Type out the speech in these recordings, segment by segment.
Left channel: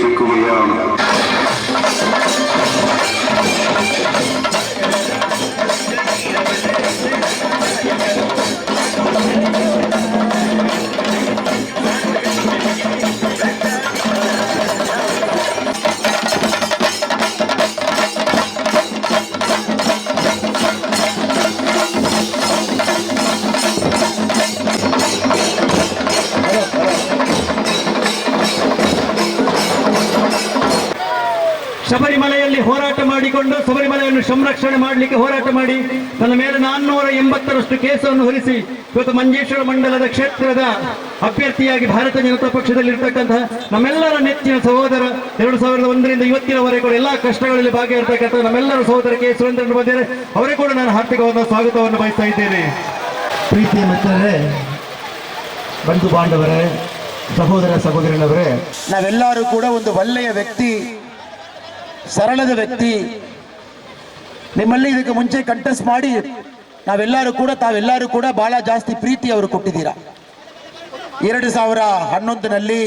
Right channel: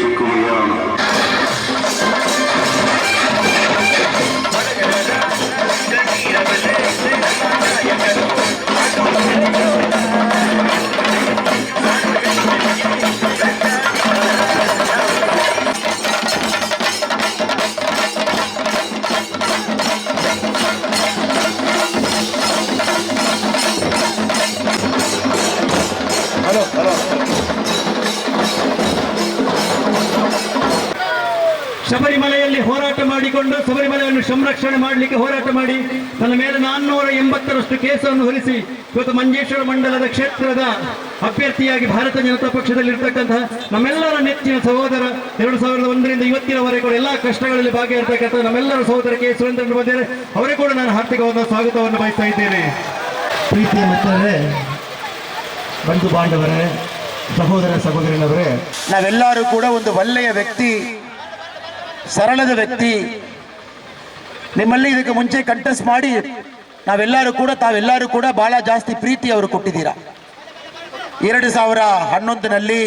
ಚಿಕ್ಕುವಯ್ಯ. ಶಬರಿಮಲೆಯಲ್ಲಿ ಹೋರಾಟ ಮಾಡಿಕೊಂಡು ಶಬರಿಮಲೆಯನ್ನು ಸಂರಕ್ಷಣೆ ಮಾಡಲಿಕ್ಕೆ ಹೋರಾಟ ಮಾಡಿ ನನ್ನ ಮೇಲೆ 480ರಷ್ಟು ಕೇಸನ್ನು ಹೊರಿಸಿ ಇವತ್ತು ಮಂಜೇಶ್ವರ ಮಂಡಲದ ಕ್ಷೇತ್ರದ ಅಭ್ಯರ್ಥಿಯಾಗಿ ಭಾರತೀಯ ಜನತಾ ಪಕ್ಷದಲ್ಲಿರ್ತಕ್ಕಂತಹ ನಮ್ಮೆಲ್ಲರ ನೆಚ್ಚಿನ ಸಹೋದರ 2001ರಿಂದ ಇವತ್ತಿನವರೆಗೂ ಕೂಡ ಎಲ್ಲ ಕಷ್ಟಗಳಲ್ಲಿ ಭಾಗಿಯಾಗಿರ್ತಕ್ಕಂಥ ನಮ್ಮೆಲ್ಲರ ಸಹೋದರ ಕೆ ಸುರೇಂದ್ರನ್ ಬಂದಿದ್ದಾರೆ. ಅವರೇ ಕೂಡ ನಾನು ಹಾರ್ದಿಕವಾದ ಸ್ವಾಗತವನ್ನು ಬಯಸ್ತಾ ಇದ್ದೇನೆ. ಪ್ರೀತಿಯ ಮಿತ್ರರೇ, ಬಂಧು ಬಾಂಧವರೇ, ಸಹೋದರ ಸಹೋದರನವರೇ, ನಾವೆಲ್ಲರೂ ಕೂಡ ಒಂದು ಒಳ್ಳೆಯ ವ್ಯಕ್ತಿ, ಸರಳದ ವ್ಯಕ್ತಿ, ನಿಮ್ಮಲ್ಲಿ ಇದಕ್ಕೆ ಮುಂಚೆ ಕಂಟೆಸ್ಟ್ ಮಾಡಿ ತಾವೆಲ್ಲರೂ ಕೂಡ ಬಹಳ ಜಾಸ್ತಿ ಪ್ರೀತಿ ಅವರು ಕೊಟ್ಟಿದ್ದೀರಾ. 2011ನಲ್ಲಿ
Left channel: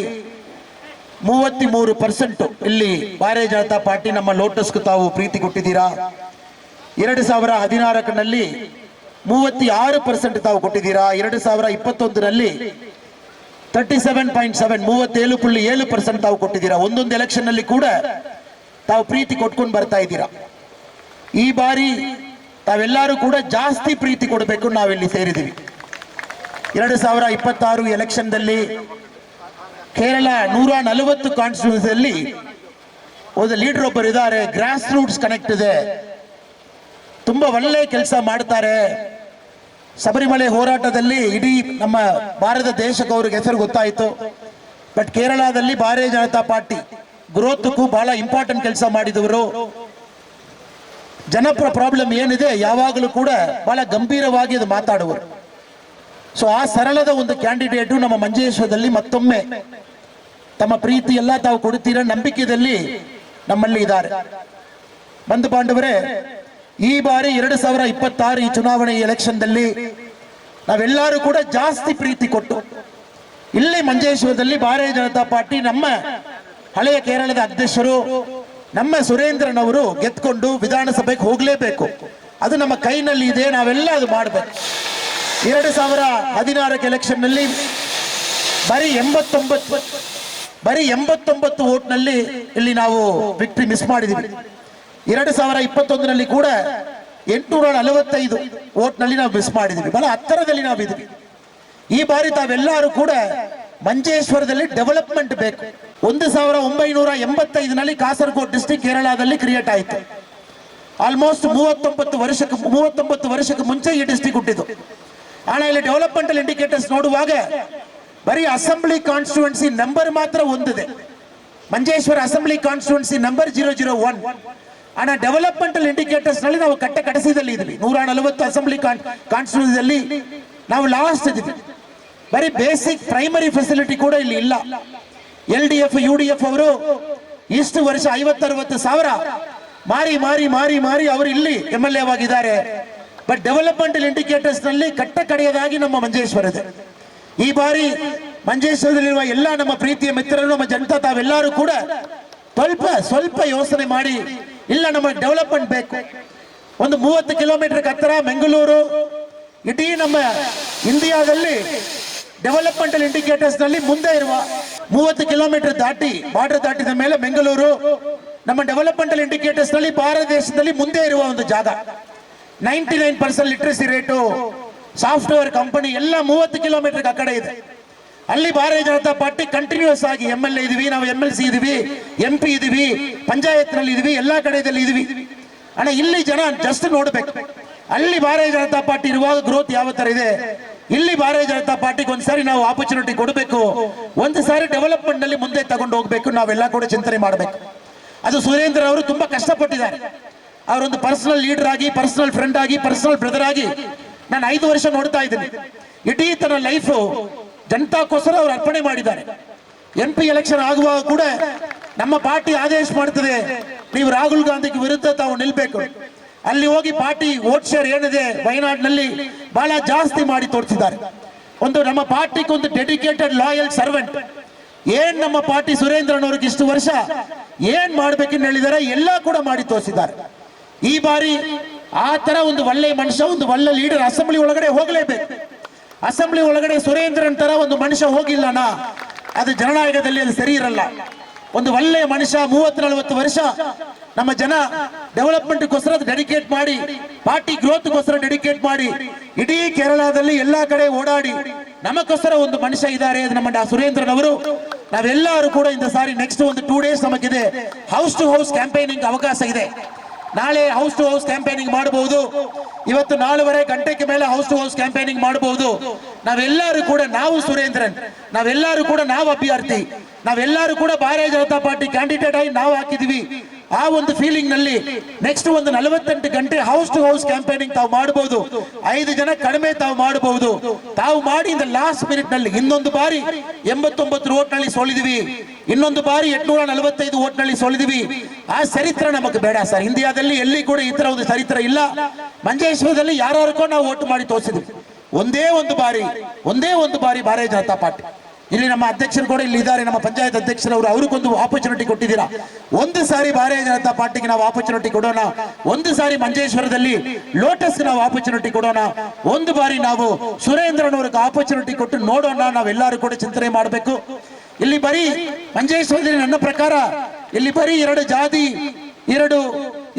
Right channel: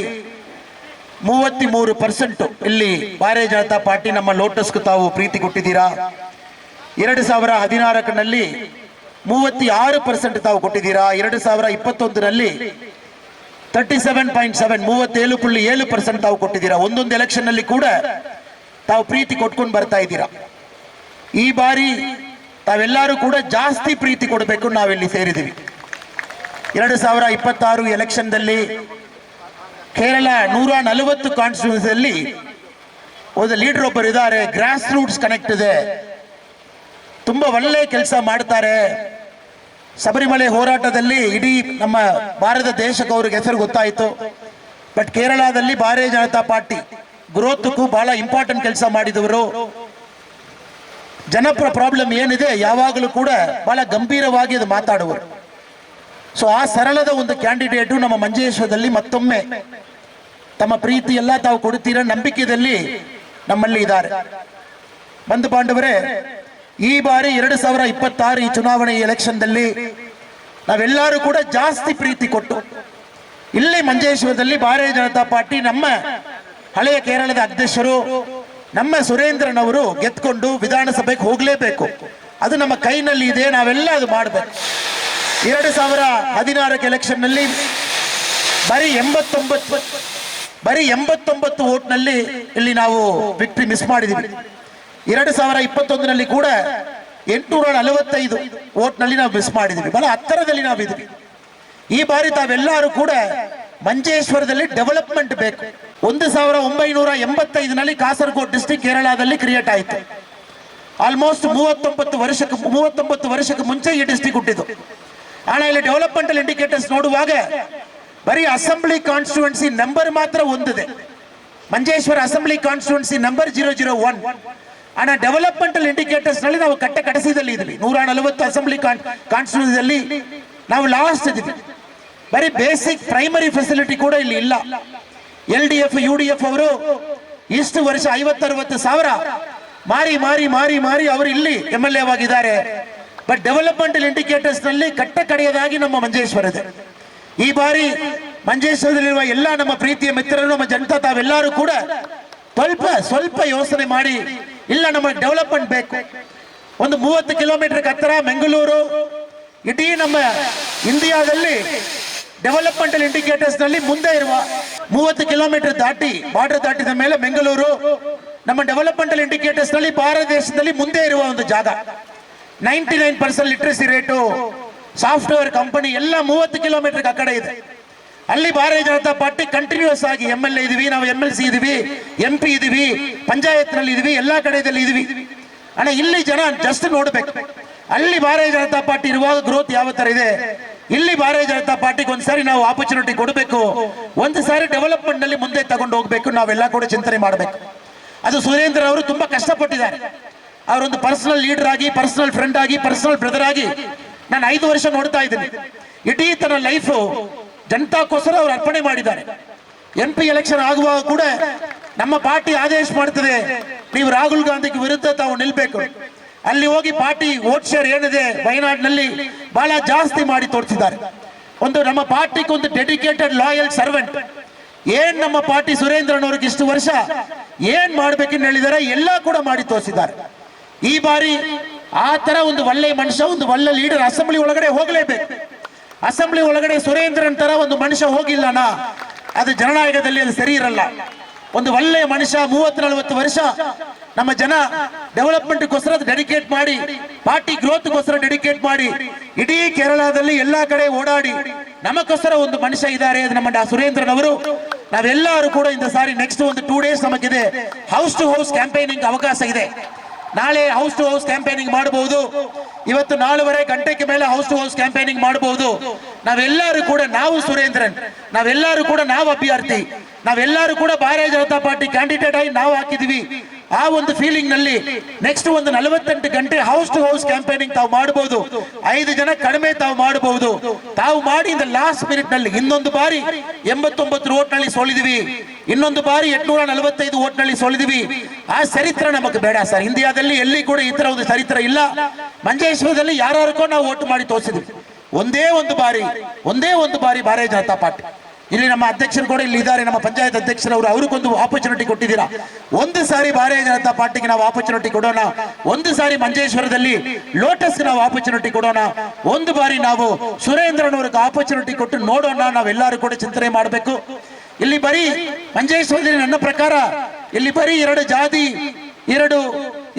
33% ಇಲ್ಲಿ ಭಾರತೀಯ ಜನತಾ ಪಾರ್ಟಿ ನಮ್ಮ ಲೋಟಸ್ಗೂ ತಾವು ಪ್ರೀತಿ ಕೊಟ್ಟಿದ್ದೀರಾ. 2016ನಲ್ಲಿ 36% ತಾವು ಕೊಟ್ಟಿದ್ದೀರಾ. 2021ನಲ್ಲಿ 37.7% ತಾವು ಕೊಟ್ಟಿದ್ದೀರಾ. ಒಂದೊಂದು ಎಲೆಕ್ಷನ್ ನಲ್ಲಿ ಕೂಡ ತಾವು ಪ್ರೀತಿ ಕೊಟ್ಕೊಂಡು ಬರ್ತಾ ಇದ್ದೀರಾ. ಈ ಬಾರಿ ತಾವೆಲ್ಲರೂ ಕೂಡ ಜಾಸ್ತಿ ಪ್ರೀತಿ ಕೊಡಬೇಕು. ನಾವಿಲ್ಲಿ ಸೇರಿದ್ದೀವಿ. 2026 ಎಲೆಕ್ಷನ್ದಲ್ಲಿ ಕೇರಳ 140 ಕಾನ್ಸ್ಟಿಟ್ಯೂನ್ಸಿಯಲ್ಲಿ ಒಂದು ಲೀಡರ್ ಒಬ್ಬರು ಇದ್ದಾರೆ, ಗ್ರಾಸ್ ರೂಟ್ಸ್ ಕನೆಕ್ಟ್ ಇದೆ, ತುಂಬಾ ಒಳ್ಳೆ ಕೆಲಸ ಮಾಡ್ತಾರೆ. ಶಬರಿಮಲೆ ಹೋರಾಟದಲ್ಲಿ ಇಡೀ ನಮ್ಮ ಭಾರತ ದೇಶಕ್ಕೆ ಅವ್ರಿಗೆ ಹೆಸರು ಗೊತ್ತಾಯಿತು. ಬಟ್ ಕೇರಳದಲ್ಲಿ ಭಾರತೀಯ ಜನತಾ ಪಾರ್ಟಿ ಗ್ರೋತ್ಗೂ ಬಹಳ ಇಂಪಾರ್ಟೆಂಟ್ ಕೆಲಸ ಮಾಡಿದವರು. ಜನಪರ ಪ್ರಾಬ್ಲಮ್ ಏನಿದೆ ಯಾವಾಗಲೂ ಕೂಡ ಬಹಳ ಗಂಭೀರವಾಗಿ ಅದು ಮಾತಾಡುವರು. ಸೊ ಆ ಸರಳದ ಒಂದು ಕ್ಯಾಂಡಿಡೇಟು ನಮ್ಮ ಮಂಜೇಶ್ವರದಲ್ಲಿ ಮತ್ತೊಮ್ಮೆ ತಮ್ಮ ಪ್ರೀತಿ ಎಲ್ಲ ತಾವು ಕೊಡ್ತೀರ ನಂಬಿಕೆಯಲ್ಲಿ ನಮ್ಮಲ್ಲಿ ಇದ್ದಾರೆ. ಬಂಧು ಬಾಂಧವರೇ, ಈ ಬಾರಿ 2026 ಈ ಚುನಾವಣೆ ಎಲೆಕ್ಷನ್ದಲ್ಲಿ ನಾವೆಲ್ಲರೂ ಕೂಡ ಜಾಸ್ತಿ ಪ್ರೀತಿ ಕೊಟ್ಟು ಇಲ್ಲಿ ಮಂಜೇಶ್ವರದಲ್ಲಿ ಭಾರತೀಯ ಜನತಾ ಪಾರ್ಟಿ ನಮ್ಮ ಹಳೆಯ ಕೇರಳದ ಅಧ್ಯಕ್ಷರು ನಮ್ಮ ಸುರೇಂದ್ರನ್ ಅವರು ಗೆದ್ಕೊಂಡು ವಿಧಾನಸಭೆಗೆ ಹೋಗಲೇಬೇಕು. ಅದು ನಮ್ಮ ಕೈನಲ್ಲಿ ಇದೆ, ನಾವೆಲ್ಲ ಅದು ಮಾಡಬೇಕು. 2016 ಎಲೆಕ್ಷನ್ ನಲ್ಲಿ ಬರೀ 89 ವೋಟ್ನಲ್ಲಿ ಇಲ್ಲಿ ನಾವು ವಿಕ್ಟ್ರಿ ಮಿಸ್ ಮಾಡಿದ್ವಿ. 2021ನಲ್ಲಿ ಕೂಡ 845 ವೋಟ್ನಲ್ಲಿ ನಾವು ಮಿಸ್ ಮಾಡಿದ್ವಿ. ಬಹಳ ಹತ್ತಿರದಲ್ಲಿ ನಾವಿದ್ವಿ. ಈ ಬಾರಿ ತಾವೆಲ್ಲರೂ ಕೂಡ ಮಂಜೇಶ್ವರದಲ್ಲಿ ಡೆವಲಪ್ಮೆಂಟ್ ಬೇಕು. 1985ನಲ್ಲಿ ಕಾಸರಗೋಡು ಡಿಸ್ಟ್ರಿಕ್ಟ್ ಕೇರಳದಲ್ಲಿ ಕ್ರಿಯೇಟ್ ಆಯಿತು. ಆಲ್ಮೋಸ್ಟ್ 39 ವರ್ಷಕ್ಕೆ ಮುಂಚೆ ಈ ಡಿಸ್ಟ್ರಿಕ್ಟ್ ಹುಟ್ಟಿದ್ದು. ಆದ್ರೆ ಇಲ್ಲಿ ಡೆವಲಪ್ಮೆಂಟಲ್ ಇಂಡಿಕೇಟರ್ಸ್ ನೋಡುವಾಗ ಬರೀ ಅಸೆಂಬ್ಲಿ ಕಾನ್ಸ್ಟಿಟ್ಯೂನ್ಸಿ ನಂಬರ್ ಮಾತ್ರ ಒಂದಿದೆ. Manjeshwar assembly constituency number 001. ಆದ್ರೆ ಡೆವಲಪ್ಮೆಂಟಲ್ ಇಂಡಿಕೇಟರ್ಸ್ ನಲ್ಲಿ ನಾವು ಕಡೆಸಿದಲ್ಲಿ ಇದ್ವಿ. 140 ಅಸೆಂಬ್ಲಿ ಕಾನ್ಸ್ಟಿಟ್ಯೂನ್ಸಿಯಲ್ಲಿ ನಾವು ಲಾಸ್ಟ್ ಇದ್ವಿ. ಬರೀ ಬೇಸಿಕ್ ಪ್ರೈಮರಿ ಫೆಸಿಲಿಟಿ ಕೂಡ ಇಲ್ಲಿ ಇಲ್ಲ. LDF UDF ಅವರು ಇಷ್ಟು ವರ್ಷ 50-60 ಸಾವಿರ ಮಾರಿ ಅವರು ಇಲ್ಲಿ MLA ಆಗಿದ್ದಾರೆ. ಬಟ್ ಡೆವಲಪ್ಮೆಂಟಲ್ ಇಂಡಿಕೇಟರ್ಸ್ ನಲ್ಲಿ ಕಡೆಯದಾಗಿ ನಮ್ಮ ಮಂಜೇಶ್ವರ ಇದೆ. ಈ ಬಾರಿ ಮಂಜೇಶ್ವರದಲ್ಲಿರುವ ಎಲ್ಲ ನಮ್ಮ ಪ್ರೀತಿಯ ಮಿತ್ರರು, ನಮ್ಮ ಜನತಾ ತಾವೆಲ್ಲರೂ ಕೂಡ ಸ್ವಲ್ಪ ಯೋಚನೆ ಮಾಡಿ, ಇಲ್ಲ ನಮಗೆ ಡೆವಲಪ್ಮೆಂಟ್ ಬೇಕು. ಒಂದು 30 ಕಿಲೋಮೀಟರ್ ಹತ್ತಿರ ಬೆಂಗಳೂರು, ಇಡೀ ನಮ್ಮ ಇಂಡಿಯಾದಲ್ಲಿ ಡೆವಲಪ್ಮೆಂಟಲ್ ಇಂಡಿಕೇಟರ್ಸ್ ನಲ್ಲಿ ಮುಂದೆ ಇರುವ 30 ಕಿಲೋಮೀಟರ್ ಬಾರ್ಡರ್ ದಾಟಿದ ಮೇಲೆ ಬೆಂಗಳೂರು ನಮ್ಮ ಡೆವಲಪ್ಮೆಂಟಲ್ ಇಂಡಿಕೇಟರ್ಸ್ ನಲ್ಲಿ ಭಾರತ ದೇಶದಲ್ಲಿ ಮುಂದೆ ಇರುವ ಒಂದು ಜಾಗ. 99% ಲಿಟ್ರಸಿ ರೇಟು, ಸಾಫ್ಟ್ವೇರ್ ಕಂಪನಿ ಎಲ್ಲ 30 ಕಿಲೋಮೀಟರ್ ಆ ಕಡೆ ಇದೆ. ಅಲ್ಲಿ ಭಾರತೀಯ ಜನತಾ ಪಾರ್ಟಿ ಕಂಟಿನ್ಯೂಸ್ ಆಗಿ MLA ಇದೀವಿ, ನಾವು MLC ಇದೀವಿ, MP ಇದೀವಿ, ಪಂಚಾಯತ್ ನಲ್ಲಿ ಇದೀವಿ, ಎಲ್ಲಾ ಕಡೆಯಲ್ಲಿ ಇದೀವಿ. ಅಣ್ಣ ಇಲ್ಲಿ ಜನ ಜಸ್ಟ್ ನೋಡ್ಬೇಕು, ಅಲ್ಲಿ ಭಾರತೀಯ ಜನತಾ ಪಾರ್ಟಿ ಇರುವಾಗ ಗ್ರೋತ್ ಯಾವ ತರ ಇದೆ. ಇಲ್ಲಿ ಭಾರತೀಯ ಜನತಾ ಪಾರ್ಟಿಗೆ ಒಂದ್ಸಾರಿ ನಾವು ಆಪರ್ಚುನಿಟಿ ಕೊಡಬೇಕು, ಒಂದು ಸಾರಿ ಡೆವಲಪ್ಮೆಂಟ್ ನಲ್ಲಿ ಮುಂದೆ ತಗೊಂಡು ಹೋಗ್ಬೇಕು. ನಾವೆಲ್ಲ ಕೂಡ ಚಿಂತನೆ ಮಾಡಬೇಕು. ಅದು ಸುರೇಂದ್ರ ಅವರು ತುಂಬಾ ಕಷ್ಟಪಟ್ಟಿದ್ದಾರೆ. ಅವರೊಂದು ಪರ್ಸನಲ್ ಲೀಡರ್ ಆಗಿ, ಪರ್ಸನಲ್ ಫ್ರೆಂಡ್ ಆಗಿ, ಪರ್ಸನಲ್ ಬ್ರದರ್ ಆಗಿ ನಾನು 5 ವರ್ಷ ನೋಡ್ತಾ ಇದ್ದೀನಿ. ಇಡೀ ತನ್ನ ಲೈಫ್ ಜನತಾಕ್ಕೋಸ್ಕರ ಅವರು ಅರ್ಪಣೆ ಮಾಡಿದ್ದಾರೆ. MP ಎಲೆಕ್ಷನ್ ಆಗುವಾಗ ಕೂಡ ನಮ್ಮ ಪಾರ್ಟಿ ಆದೇಶ ಮಾಡ್ತದೆ, ನೀವು ರಾಹುಲ್ ಗಾಂಧಿಗೆ ವಿರುದ್ಧ ತಾವು ನಿಲ್ಬೇಕು. ಅಲ್ಲಿ ಹೋಗಿ ಪಾರ್ಟಿ ವೋಟ್ ಶೇರ್ ಏನಿದೆ ವಯನಾಡಿನಲ್ಲಿ ಬಹಳ ಜಾಸ್ತಿ ಮಾಡಿ ತೋರಿಸಿದ್ದಾರೆ. ಒಂದು ನಮ್ಮ ಪಾರ್ಟಿಗೆ ಒಂದು ಡೆಡಿಕೇಟೆಡ್ ಲಾಯಲ್ ಸರ್ವೆಂಟ್, ಏನ್ ನಮ್ಮ ಪಾರ್ಟಿ ಸುರೇಂದ್ರನವ್ರಿಗೆ ಇಷ್ಟು ವರ್ಷ ಏನ್ ಮಾಡ್ಬೇಕಂತ ಹೇಳಿದಾರೆ ಎಲ್ಲ ಕೂಡ ಮಾಡಿ ತೋರಿಸಿದ್ದಾರೆ. ಈ ಬಾರಿ ಆ ತರ ಒಂದು ಒಳ್ಳೆ ಮನುಷ್ಯ, ಒಂದು ಒಳ್ಳೆ ಲೀಡರ್ ಅಸೆಂಬ್ಲಿ ಒಳಗಡೆ ಹೋಗಲೇಬೇಕು. ಅಸೆಂಬ್ಲಿ ಒಳಗಡೆ ಸುರೇಂದ್ರನ್ ತರ ಒಂದು ಮನುಷ್ಯ ಹೋಗಿಲ್ಲನಾ ಅದು ಜನನಾಯಕದಲ್ಲಿ ಅದು ಸರಿ ಇರಲ್ಲ. ಒಂದು ಒಳ್ಳೆ ಮನುಷ್ಯ 30-40 ವರ್ಷ ನಮ್ಮ ಜನ ಡೆವಲಪ್ಮೆಂಟ್ಗೋಸ್ಕರ ಡೆಡಿಕೇಟ್ ಮಾಡಿ, ಪಾರ್ಟಿ ಗ್ರೋತ್ಗೋಸ್ಕರ ಡೆಡಿಕೇಟ್ ಮಾಡಿ, ಇಡೀ ಕೇರಳದಲ್ಲಿ ಎಲ್ಲಾ ಕಡೆ ಓಡಾಡಿ ನಮಗೋಸ್ಕರ ಒಂದು ಮನುಷ್ಯ ಇದ್ದಾರೆ, ಅದು ನಮ್ಮ ಸುರೇಂದ್ರನವರು. ನಾವೆಲ್ಲರೂ ಕೂಡ ಇಂದ ಸಾರಿ ನೆಕ್ಸ್ಟ್ ಒಂದು 2 days ನಮಗಿದೆ ಹೌಸ್ ಟು ಹೌಸ್ ಕ್ಯಾಂಪೇನಿಂಗ್ ಅವಕಾಶ ಇದೆ. ನಾಳೆ ಹೌಸ್ ಟು ಹೌಸ್ ಕ್ಯಾಂಪೇನಿಂಗ್ ಮಾಡಬಹುದು, ಇವತ್ತು 4:30 ಗಂಟೆಗೆ ಮೇಲೆ ಹೌಸ್ ಟು ಹೌಸ್ ಕ್ಯಾಂಪೇನಿಂಗ್ ಮಾಡಬಹುದು. ನಾವೆಲ್ಲರೂ ಕೂಡ ನಾವು ಸುರೇಂದ್ರನ್, ನಾವೆಲ್ಲರೂ ಕೂಡ ನಾವು ಅಭ್ಯರ್ಥಿ, ನಾವೆಲ್ಲರೂ ಕೂಡ ಭಾರತೀಯ ಜನತಾ ಪಾರ್ಟಿ ಕ್ಯಾಂಡಿಡೇಟ್ ಆಗಿ ನಾವು ಹಾಕಿದ್ವಿ. ಆ ಒಂದು ಫೀಲಿಂಗ್ ನಲ್ಲಿ ನೆಕ್ಸ್ಟ್ ಒಂದು 48 ಗಂಟೆ ಹೌಸ್ ಟು ಹೌಸ್ ಕ್ಯಾಂಪೇನಿಂಗ್ ತಾವು ಮಾಡಬಹುದು. 5 ಜನ ಕಡಿಮೆ ತಾವು ಮಾಡಬಹುದು. ತಾವು ಮಾಡಿ ಇಂದ ಲಾಸ್ಟ್ ಮಿನಿಟ್ ನಲ್ಲಿ ಇನ್ನೊಂದು ಬಾರಿ 89 ಓಟ್ ನಲ್ಲಿ ಸೋಲಿದ್ವಿ, ಇನ್ನೊಂದು ಬಾರಿ 845 ಓಟ್ ನಲ್ಲಿ ಸೋಲಿದ್ವಿ. ಆ ಚರಿತ್ರ ನಮಗೆ ಬೇಡ ಸರ್. ಇಂಡಿಯಾದಲ್ಲಿ ಎಲ್ಲಿ ಕೂಡ ಈ ತರ ಒಂದು ಚರಿತ್ರ ಇಲ್ಲ. ಮಂಜೇಶ್ವರದಲ್ಲಿ ಯಾರ್ಯಾರಿಗೋ ನಾವು ಓಟ್ ಮಾಡಿ ತೋರಿಸಿದ್ವಿ. ಒಂದೇ ಒಂದು ಬಾರಿ ಭಾರತೀಯ ಜನತಾ ಪಾರ್ಟಿ. ಇಲ್ಲಿ ನಮ್ಮ ಅಧ್ಯಕ್ಷರು ಕೂಡ ಇಲ್ಲಿ ಇದ್ದಾರೆ, ನಮ್ಮ ಪಂಚಾಯತ್ ಅಧ್ಯಕ್ಷರವರು, ಅವ್ರಿಗೊಂದು ಆಪರ್ಚುನಿಟಿ ಕೊಟ್ಟಿದ್ದೀರಾ. ಒಂದು ಸಾರಿ ಭಾರತೀಯ ಜನತಾ ಪಾರ್ಟಿಗೆ ನಾವು ಆಪರ್ಚುನಿಟಿ ಕೊಡೋಣ, ಒಂದು ಸಾರಿ ಮಂಜೇಶ್ವರದಲ್ಲಿ ಲೋಟಸ್ಗೆ ನಾವು ಆಪರ್ಚುನಿಟಿ ಕೊಡೋಣ, ಒಂದು ಬಾರಿ ನಾವು ಸುರೇಂದ್ರನವ್ರಿಗೆ ಆಪರ್ಚುನಿಟಿ ಕೊಟ್ಟು ನೋಡೋಣ. ನಾವೆಲ್ಲರೂ ಕೂಡ ಚಿಂತನೆ ಮಾಡಬೇಕು. ಇಲ್ಲಿ ಬರೀ ಮಂಜೇಶ್ವರದಲ್ಲಿ ನನ್ನ ಪ್ರಕಾರ ಇಲ್ಲಿ ಬರೀ 2 ಜಾತಿ,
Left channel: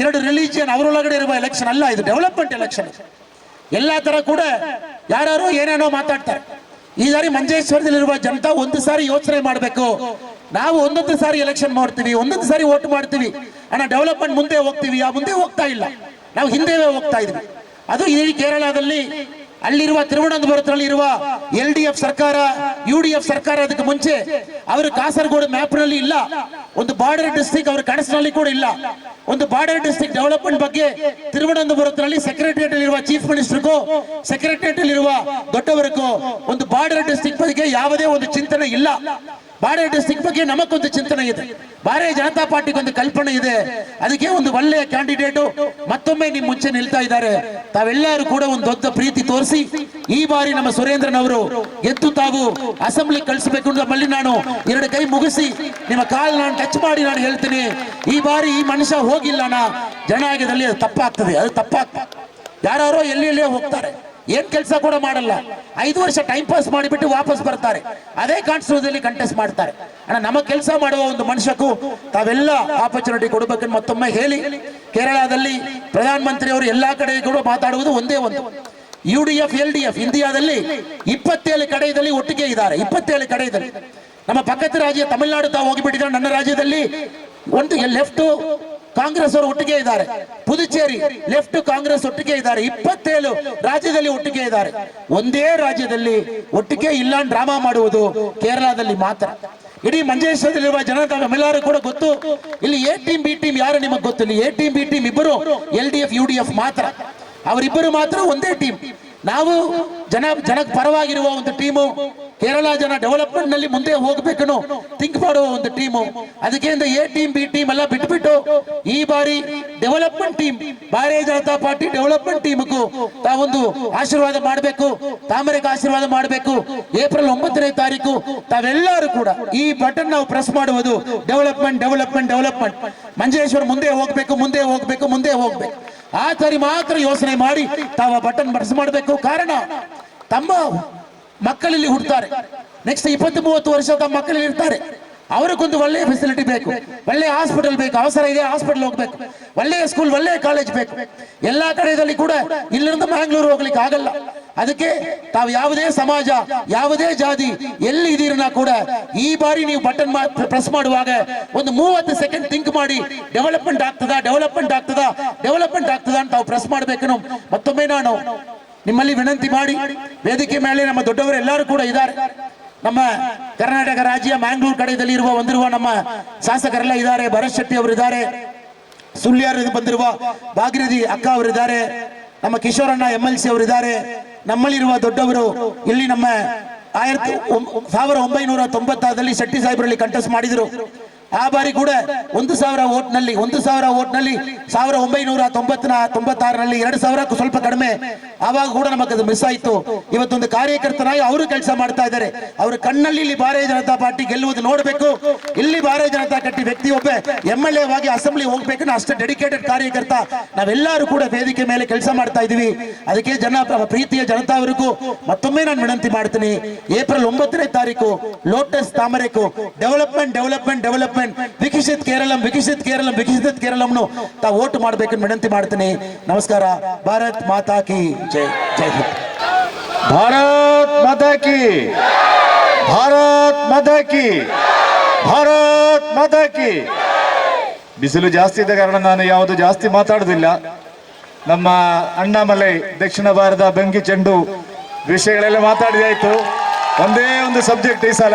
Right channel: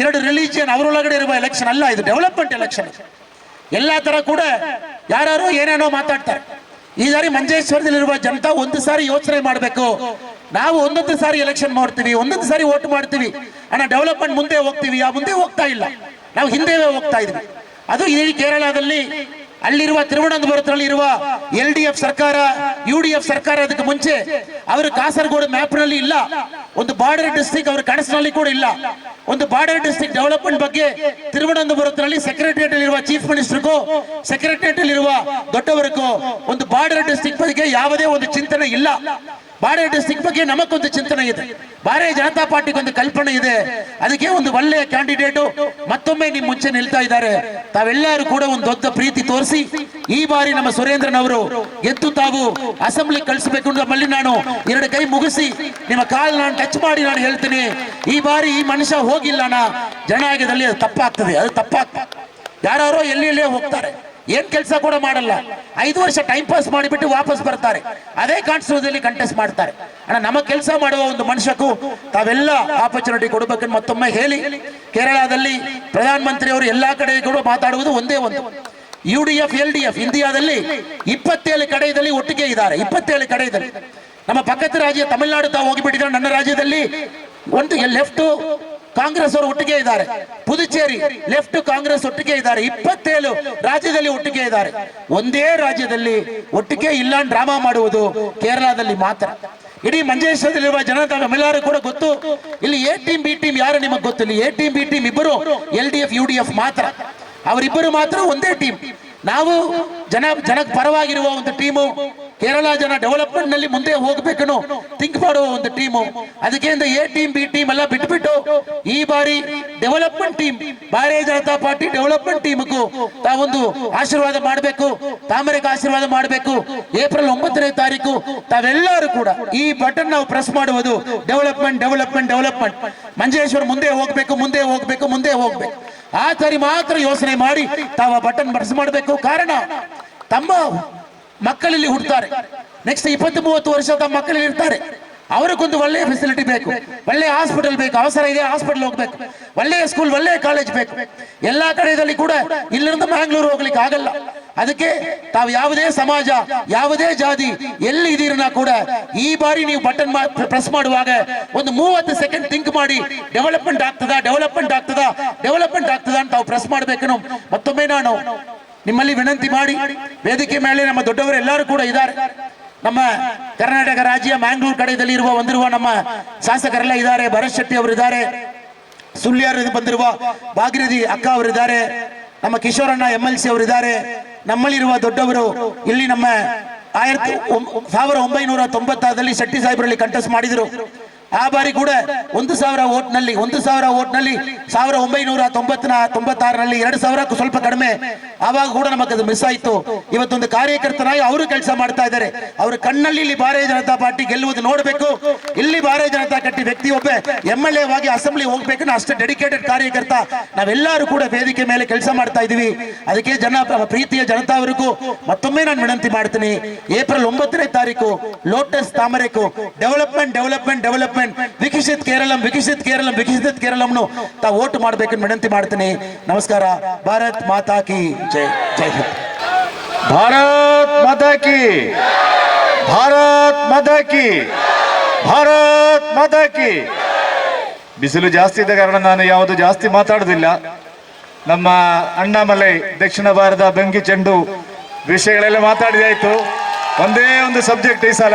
ಎರಡು ರಿಲಿಜಿಯನ್ ಅವರೊಳಗಡೆ ಇರುವ ಎಲೆಕ್ಷನ್ ಅಲ್ಲ, ಇದು ಡೆವಲಪ್ಮೆಂಟ್ ಎಲೆಕ್ಷನ್. ಎಲ್ಲಾ ತರ ಕೂಡ ಯಾರು ಏನೇನೋ ಮಾತಾಡ್ತಾರೆ. ಈ ಸಾರಿ ಮಂಜೇಶ್ವರದಲ್ಲಿರುವ ಜನತಾ ಒಂದು ಸಾರಿ ಯೋಚನೆ ಮಾಡಬೇಕು. ನಾವು ಒಂದೊಂದು ಸಾರಿ ಎಲೆಕ್ಷನ್ ಮಾಡ್ತೀವಿ, ಒಂದೊಂದು ಸಾರಿ ವೋಟ್ ಮಾಡ್ತೀವಿ, ಅಣ್ಣ ಡೆವಲಪ್ಮೆಂಟ್ ಮುಂದೆ ಹೋಗ್ತೀವಿ, ಆ ಮುಂದೆ ಹೋಗ್ತಾ ಇಲ್ಲ, ನಾವು ಹಿಂದೆ ಹೋಗ್ತಾ ಇದ್ವಿ. ಅದು ಈ ಕೇರಳದಲ್ಲಿ ಅಲ್ಲಿರುವ ತಿರುವನಂತಪುರದಲ್ಲಿ ಇರುವ LDF ಸರ್ಕಾರ, UDF ಸರ್ಕಾರ ಅದಕ್ಕೆ ಮುಂಚೆ ಅವರು ಕಾಸರಗೋಡು ಮ್ಯಾಪ್ ನಲ್ಲಿ ಇಲ್ಲ, ಒಂದು ಬಾರ್ಡರ್ ಡಿಸ್ಟ್ರಿಕ್ಟ್ ಅವರ ಕನಸಿನಲ್ಲಿ ಕೂಡ ಇಲ್ಲ. ಒಂದು ಬಾರ್ಡರ್ ಡಿಸ್ಟ್ರಿಕ್ಟ್ ಡೆವಲಪ್ಮೆಂಟ್ ಬಗ್ಗೆ ತಿರುವನಂತಪುರದಲ್ಲಿ ಸೆಕ್ರೆಟರಿಯೇಟ್ ಇರುವ ಚೀಫ್ ಮಿನಿಸ್ಟರ್ಗೂ ಸೆಕ್ರೆಟರಿಯೇಟ್ ಇರುವ ದೊಡ್ಡವರಿಗೂ ಒಂದು ಬಾರ್ಡರ್ ಡಿಸ್ಟ್ರಿಕ್ಟ್ ಬಗ್ಗೆ ಯಾವುದೇ ಒಂದು ಚಿಂತನೆ ಇಲ್ಲ. ಬಾರ್ಡರ್ ಡಿಸ್ಟ್ರಿಕ್ಟ್ ಬಗ್ಗೆ ನಮಗೊಂದು ಚಿಂತನೆ ಇದೆ, ಭಾರತೀಯ ಜನತಾ ಪಾರ್ಟಿಗೆ ಒಂದು ಕಲ್ಪನೆ ಇದೆ. ಅದಕ್ಕೆ ಒಂದು ಒಳ್ಳೆಯ ಕ್ಯಾಂಡಿಡೇಟ್ ಮತ್ತೊಮ್ಮೆ ನಿಮ್ ಮುಂಚೆ ನಿಲ್ತಾ ಇದ್ದಾರೆ. ತಾವೆಲ್ಲರೂ ಕೂಡ ಒಂದು ದೊಡ್ಡ ಪ್ರೀತಿ ತೋರಿಸಿ ಈ ಬಾರಿ ನಮ್ಮ ಸುರೇಂದ್ರನ್ ಅವರು ಎದ್ದು ತಾವು ಅಸೆಂಬ್ಲಿ ಕಳಿಸಬೇಕು. ನಮ್ಮಲ್ಲಿ ನಾನು 2 ಕೈ ಮುಗಿಸಿ ನಿಮ್ಮ ಕಾಲ್ ನಾನು ಟಚ್ ಮಾಡಿ ನಾನು ಹೇಳ್ತೀನಿ, ಈ ಬಾರಿ ಈ ಮನುಷ್ಯ ಹೋಗಿಲ್ಲಣ್ಣ ಜನನಾಯಕದಲ್ಲಿ ಅದು ತಪ್ಪಾಗ್ತದೆ, ಅದು ತಪ್ಪಾಗ್ತದೆ. ಯಾರೋ ಎಲ್ಲೆಲ್ಲೇ ಹೋಗ್ತಾರೆ, ಏನ್ ಕೆಲಸ ಕೂಡ ಮಾಡಲ್ಲ, 5 ವರ್ಷ ಟೈಮ್ ಪಾಸ್ ಮಾಡಿಬಿಟ್ಟು ವಾಪಸ್ ಬರ್ತಾರೆ, ಅದೇ ಕಾನ್ಸ್ಟಿಟ್ಯೂಷನ್ ಕಂಟೆಸ್ಟ್ ಮಾಡ್ತಾರೆ. ಅಣ್ಣ ನಮ್ಮ ಕೆಲಸ ಮಾಡುವ ಒಂದು ಮನುಷ್ಯಕ್ಕೂ ತಾವೆಲ್ಲ ಆಪರ್ಚುನಿಟಿ ಕೊಡಬೇಕಂತ ಮತ್ತೊಮ್ಮೆ ಹೇಳಿ, ಕೇರಳದಲ್ಲಿ ಪ್ರಧಾನ ಮಂತ್ರಿ ಅವರು ಎಲ್ಲಾ ಕಡೆ ಕೂಡ ಮಾತಾಡುವುದು ಒಂದೇ ಒಂದು, UDF LDF ಇಂಡಿಯಾದಲ್ಲಿ 27 ಕಡೆಯಲ್ಲಿ ಒಟ್ಟಿಗೆ ಇದ್ದಾರೆ. 27 ಕಡೆಯಲ್ಲಿ ನಮ್ಮ ಪಕ್ಕದ ರಾಜ್ಯ ತಮಿಳುನಾಡು ತಾವು ಹೋಗಿಬಿಟ್ಟಿದ್ದಾರೆ. ನನ್ನ ರಾಜ್ಯದಲ್ಲಿ ಒಂದು ಲೆಫ್ಟ್ ಕಾಂಗ್ರೆಸ್ ಅವರು ಒಟ್ಟಿಗೆ ಇದ್ದಾರೆ, ಪುದುಚೇರಿ ಲೆಫ್ಟ್ ಕಾಂಗ್ರೆಸ್ ಒಟ್ಟಿಗೆ ಇದ್ದಾರೆ, 27 ರಾಜ್ಯದಲ್ಲಿ ಒಟ್ಟಿಗೆ ಇದ್ದಾರೆ. ಒಂದೇ ರಾಜ್ಯದಲ್ಲಿ ಒಟ್ಟಿಗೆ ಇಲ್ಲ ಡ್ರಾಮಾ ಮಾಡುವುದು ಕೇರಳದಲ್ಲಿ ಮಾತ್ರ. ಇಡೀ ಮಂಜೇಶ್ವರದಲ್ಲಿರುವ ಜನತಾ ನಮ್ಮೆಲ್ಲರೂ ಕೂಡ ಗೊತ್ತು. ಇಲ್ಲಿ A ಟೀಮ್ B ಟೀಮ್ ಯಾರು ನಿಮಗೆ ಗೊತ್ತಿಲ್ಲ. A ಟೀಮ್ B ಟೀಮ್ ಇಬ್ಬರು LDF UDF ಮಾತ್ರ, ಅವರಿಬ್ಬರು ಮಾತ್ರ ಒಂದೇ ಟೀಮ್. ನಾವು ಜನಕ್ಕೆ ಪರವಾಗಿರುವ ಒಂದು ಟೀಮು, ಕೇರಳ ಜನ ಡೆವಲಪ್ಮೆಂಟ್ ನಲ್ಲಿ ಮುಂದೆ ಹೋಗಬೇಕನ್ನು ಥಿಂಕ್ ಮಾಡುವ ಒಂದು ಟೀಮು. ಅದಕ್ಕೆ A ಟೀಮ್ B ಟೀಮ್ ಎಲ್ಲ ಬಿಟ್ಬಿಟ್ಟು ಈ ಬಾರಿ ಡೆವಲಪ್ಮೆಂಟ್ ಟೀಮ್, ಭಾರತೀಯ ಜನತಾ ಪಾರ್ಟಿ ಡೆವಲಪ್ಮೆಂಟ್ ಟೀಮ್ಗೂ ತಾವೊಂದು ಆಶೀರ್ವಾದ ಮಾಡಬೇಕು, ತಾಮರೆಗೆ ಆಶೀರ್ವಾದ ಮಾಡಬೇಕು. ಏಪ್ರಿಲ್ 9ನೇ ತಾರೀಕು ತಾವೆಲ್ಲರೂ ಕೂಡ ಈ ಬಟನ್ ನಾವು ಪ್ರೆಸ್ ಮಾಡುವುದು ಡೆವಲಪ್ಮೆಂಟ್ ಡೆವಲಪ್ಮೆಂಟ್ ಡೆವಲಪ್ಮೆಂಟ್. ಮಂಜೇಶ್ವರ ಮುಂದೆ ಹೋಗ್ಬೇಕು, ಮುಂದೆ ಹೋಗ್ಬೇಕು, ಮುಂದೆ ಹೋಗ್ಬೇಕು. ಆ ಸರಿ ಮಾತ್ರ ಯೋಚನೆ ಮಾಡಿ ತಾವು ಬಟನ್ ಪ್ರೆಸ್ ಮಾಡಬೇಕು. ಕಾರಣ ತಮ್ಮ ಮಕ್ಕಳಲ್ಲಿ ಹುಡ್ತಾರೆ, ನೆಕ್ಸ್ಟ್ 20-30 ವರ್ಷ ತಮ್ಮ ಮಕ್ಕಳಲ್ಲಿ ಇರ್ತಾರೆ. ಅವರಿಗೊಂದು ಒಳ್ಳೆಯ ಫೆಸಿಲಿಟಿ ಬೇಕು, ಒಳ್ಳೆಯ ಹಾಸ್ಪಿಟಲ್ ಬೇಕು, ಅವಸರ ಇದೆ ಹಾಸ್ಪಿಟಲ್ ಹೋಗ್ಬೇಕು, ಒಳ್ಳೆಯ ಸ್ಕೂಲ್ ಒಳ್ಳೆಯ ಕಾಲೇಜ್ ಬೇಕು. ಎಲ್ಲಾ ಕಡೆಯಲ್ಲಿ ಕೂಡ ಇಲ್ಲಿಂದ ಮ್ಯಾಂಗ್ಳೂರು ಹೋಗ್ಲಿಕ್ಕೆ ಆಗಲ್ಲ. ಅದಕ್ಕೆ ತಾವು ಯಾವುದೇ ಸಮಾಜ, ಯಾವುದೇ ಜಾತಿ ಎಲ್ಲಿ ಇದೀರನ್ನ ಕೂಡ ಈ ಬಾರಿ ನೀವು ಬಟನ್ ಪ್ರೆಸ್ ಮಾಡುವಾಗ ಒಂದು 30 ಸೆಕೆಂಡ್ ಥಿಂಕ್ ಮಾಡಿ ಡೆವಲಪ್ಮೆಂಟ್ ಆಗ್ತದಾ ಡೆವಲಪ್ಮೆಂಟ್ ಆಗ್ತದಾ ಡೆವಲಪ್ಮೆಂಟ್ ಆಗ್ತದಾ ಅಂತ ತಾವು ಪ್ರೆಸ್ ಮಾಡಬೇಕು. ಮತ್ತೊಮ್ಮೆ ನಾನು ನಿಮ್ಮಲ್ಲಿ ವಿನಂತಿ ಮಾಡಿ, ವೇದಿಕೆ ಮೇಲೆ ನಮ್ಮ ದೊಡ್ಡವರು ಎಲ್ಲರೂ ಕೂಡ ಇದ್ದಾರೆ. ನಮ್ಮ ಕರ್ನಾಟಕ ರಾಜ್ಯ ಮ್ಯಾಂಗ್ಳೂರು ಕಡೆಯಲ್ಲಿ ಬಂದಿರುವ ನಮ್ಮ ಶಾಸಕರೆಲ್ಲ ಇದ್ದಾರೆ. ಭರತ್ ಶೆಟ್ಟಿ ಅವರು ಇದ್ದಾರೆ, ಸುಳ್ಯರು ಬಂದಿರುವ ಭಾಗೀರಥಿ ಅಕ್ಕ ಅವರಿದ್ದಾರೆ, ನಮ್ಮ ಕಿಶೋರಣ್ಣ MLC ಅವರಿದ್ದಾರೆ. ನಮ್ಮಲ್ಲಿರುವ ದೊಡ್ಡವರು ಇಲ್ಲಿ ನಮ್ಮ 1996ರಲ್ಲಿ ಶೆಟ್ಟಿ ಸಾಹೇಬರಲ್ಲಿ ಕಂಟೆಸ್ಟ್ ಮಾಡಿದ್ರು. ಆ ಬಾರಿ ಕೂಡ 1,000 ಓಟ್ನಲ್ಲಿ 1996ರಲ್ಲಿ 2,000ಕ್ಕೂ ಸ್ವಲ್ಪ ಕಡಿಮೆ. ಆವಾಗ ಕೂಡ ನಮಗೆ ಅದು ಮಿಸ್ ಆಯ್ತು. ಇವತ್ತೊಂದು ಕಾರ್ಯಕರ್ತನಾಗಿ ಅವರು ಕೆಲಸ ಮಾಡ್ತಾ ಇದ್ದಾರೆ. ಅವರ ಕಣ್ಣಲ್ಲಿ ಇಲ್ಲಿ ಭಾರತೀಯ ಜನತಾ ಪಾರ್ಟಿ ಗೆಲ್ಲುವುದು ನೋಡಬೇಕು. ಇಲ್ಲಿ ಭಾರತೀಯ ಜನತಾ ಪಾರ್ಟಿ ವ್ಯಕ್ತಿ ಒಬ್ಬ MLA ವಾಗಿ ಅಸೆಂಬ್ಲಿ ಹೋಗ್ಬೇಕು, ಅಷ್ಟೇ ಡೆಡಿಕೇಟೆಡ್ ಕಾರ್ಯಕರ್ತ. ನಾವೆಲ್ಲರೂ ಕೂಡ ವೇದಿಕೆ ಮೇಲೆ ಕೆಲಸ ಮಾಡ್ತಾ ಇದೀವಿ. ಅದಕ್ಕೆ ಪ್ರೀತಿಯ ಜನತಾ ಅವರಿಗೂ ಮತ್ತೊಮ್ಮೆ ನಾನು ವಿನಂತಿ ಮಾಡ್ತೀನಿ, ಏಪ್ರಿಲ್ 9ನೇ ತಾರೀಕು ಲೋಟಸ್ ತಾಮರೆಕು ಡೆವಲಪ್ಮೆಂಟ್ ವಿಕಸಿತ್ ಕೇರಳಂನು ತಾವು ವೋಟ್ ಮಾಡಬೇಕು ವಿನಂತಿ ಮಾಡ್ತೀನಿ. ನಮಸ್ಕಾರ. ಭಾರತ್ ಮಾತಾ ಕಿ ಜೈ. ಜೈ ಹಿಂದ್. ಭಾರತ್ ಮಾತಾ ಕಿ, ಭಾರತ್ ಮಾತಾ ಕಿ, ಭಾರತ್ ಮಾತಾ ಕಿ. ಬಿಸಿಲು ಜಾಸ್ತಿ ಇದ್ದ ಕಾರಣ ನಾನು ಯಾವುದು ಜಾಸ್ತಿ ಮಾತಾಡುದಿಲ್ಲ. ನಮ್ಮ ಅಣ್ಣಾಮಲೈ ದಕ್ಷಿಣ ಭಾರತ ಬೆಂಕಿ ಚೆಂಡು ವಿಷಯಗಳೆಲ್ಲ ಮಾತಾಡಿದಾಯ್ತು. ಒಂದೇ ಒಂದು ಸಬ್ಜೆಕ್ಟ್ ಈ ಸಲ,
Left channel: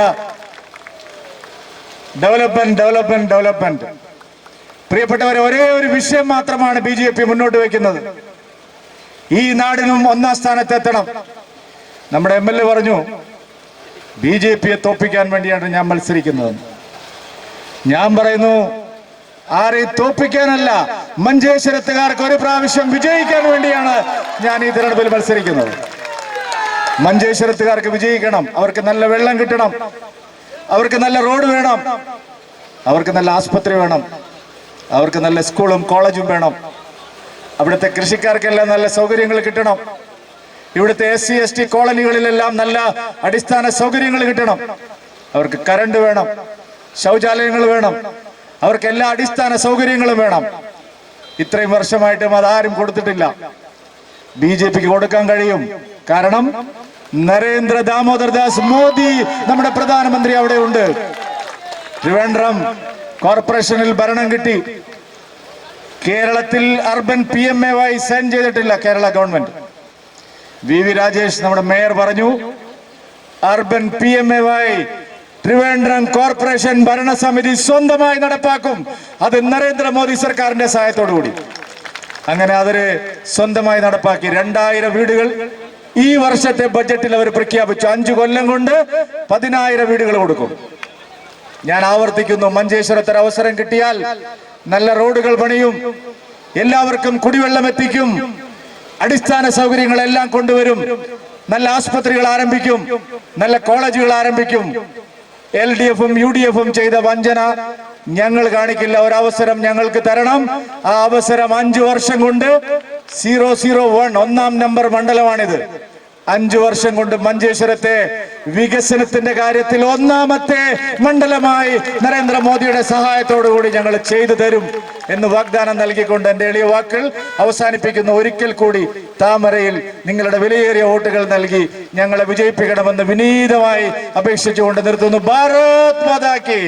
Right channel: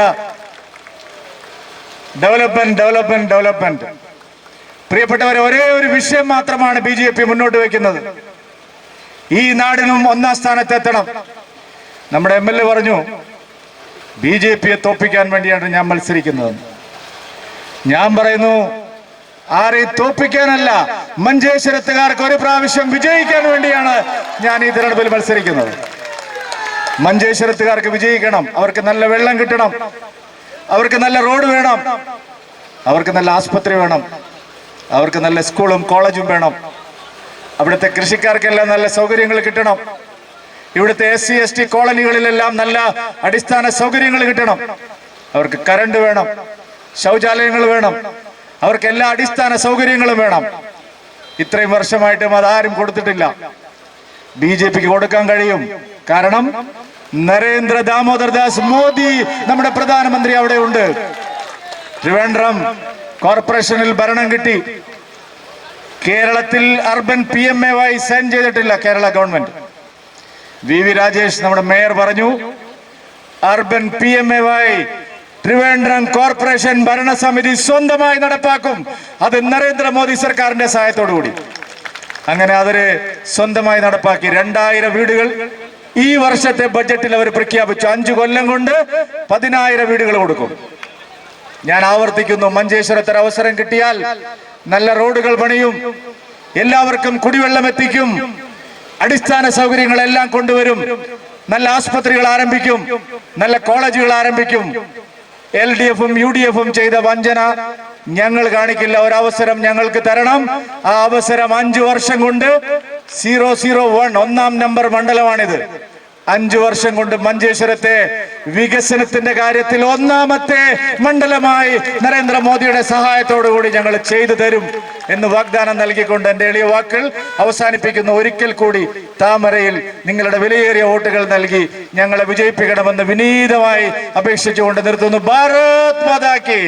ഡെവലപ്മെന്റ്. പ്രിയപ്പെട്ടവരെ, ഒരേ ഒരു വിഷയം മാത്രമാണ് BJP മുന്നോട്ട് വയ്ക്കുന്നത്. ഈ നാടിനും ഒന്നാം സ്ഥാനത്തെത്തണം. നമ്മുടെ MLA പറഞ്ഞു BJPയെ തോൽപ്പിക്കാൻ വേണ്ടിയാണ് ഞാൻ മത്സരിക്കുന്നത്. ഞാൻ പറയുന്നു ആരെയും തോൽപ്പിക്കാനല്ല, മഞ്ചേശ്വരത്തുകാർക്ക് ഒരു പ്രാവശ്യം വിജയിക്കാൻ വേണ്ടിയാണ് ഞാൻ ഈ തിരഞ്ഞെടുപ്പിൽ മത്സരിക്കുന്നത്. മഞ്ചേശ്വരത്തുകാർക്ക് വിജയിക്കണം. അവർക്ക് നല്ല വെള്ളം കിട്ടണം, അവർക്ക് നല്ല റോഡ് വേണം, അവർക്ക് നല്ല ആസ്പത്രി വേണം, അവർക്ക് നല്ല സ്കൂളും കോളേജും വേണം. അവിടുത്തെ കൃഷിക്കാർക്കെല്ലാം നല്ല സൗകര്യങ്ങൾ കിട്ടണം. ഇവിടുത്തെ SC ST കോളനികളിലെല്ലാം നല്ല അടിസ്ഥാന സൗകര്യങ്ങൾ കിട്ടണം. അവർക്ക് കറണ്ട് വേണം, ശൗചാലയങ്ങൾ വേണം, അവർക്ക് എല്ലാ അടിസ്ഥാന സൗകര്യങ്ങളും വേണം. ഇത്രയും വർഷമായിട്ടും അതാരും കൊടുത്തിട്ടില്ല. BJPക്ക് കൊടുക്കാൻ കഴിയും. കാരണം നരേന്ദ്ര ദാമോദർ ദാസ് മോദി നമ്മുടെ പ്രധാനമന്ത്രി അവിടെ ഉണ്ട്. ട്രിവാൻഡ്രം കോർപ്പറേഷനിൽ ഭരണം കിട്ടി. കേരളത്തിൽ അർബൻ PMAY സൈൻ ചെയ്തിട്ടില്ല കേരള ഗവൺമെന്റ്. VV രാജേഷ് നമ്മുടെ മേയർ പറഞ്ഞു അർബൻ PMAY ട്രിവാൻഡ്രം കോർപ്പറേഷൻ ഭരണസമിതി സ്വന്തമായി നടപ്പാക്കും. അത് നരേന്ദ്രമോദി സർക്കാരിന്റെ സഹായത്തോടു കൂടി. അങ്ങനെ അവര് സ്വന്തമായി നടപ്പാക്കി. 2000 വീടുകൾ ഈ വർഷത്തെ ബഡ്ജറ്റിൽ അവർ പ്രഖ്യാപിച്ചു. 5 കൊല്ലം കൊണ്ട് 10,000 വീടുകൾ കൊടുക്കും. ഞാൻ ആവർത്തിക്കുന്നു, മഞ്ചേശ്വരത്തിൽ അവസരം കിട്ടിയാൽ നല്ല റോഡുകൾ പണിയും, എല്ലാവർക്കും കുടിവെള്ളം എത്തിക്കും, അടിസ്ഥാന സൗകര്യങ്ങളെല്ലാം കൊണ്ടുവരും, നല്ല ആസ്പത്രികൾ ആരംഭിക്കും, നല്ല കോളേജുകൾ ആരംഭിക്കും. LDFും UDFും ചെയ്ത വഞ്ചന ഞങ്ങൾ കാണിക്കില്ല. ഒരവസരം ഞങ്ങൾക്ക് തരണം. ആ അവസരം 5 വർഷം കൊണ്ട് 001 ഒന്നാം നമ്പർ മണ്ഡലമാണിത്. 5 വർഷം കൊണ്ട് മഞ്ചേശ്വരത്തെ വികസനത്തിന്റെ കാര്യത്തിൽ ഒന്നാമത്തെ മണ്ഡലമായി നരേന്ദ്രമോദിയുടെ സഹായത്തോടു കൂടി ഞങ്ങൾ ചെയ്തു തരും എന്ന് വാഗ്ദാനം നൽകിക്കൊണ്ട് എന്റെ എളിയ വാക്കുകൾ അവസാനിപ്പിക്കുന്നു. ഒരിക്കൽ കൂടി താമരയിൽ നിങ്ങളുടെ വിലയേറിയ വോട്ടുകൾ നൽകി ഞങ്ങളെ വിജയിപ്പിക്കണമെന്ന് വിനീതമായി അപേക്ഷിച്ചുകൊണ്ട് നിർത്തുന്നു. ഭാരത് മാതാ കി.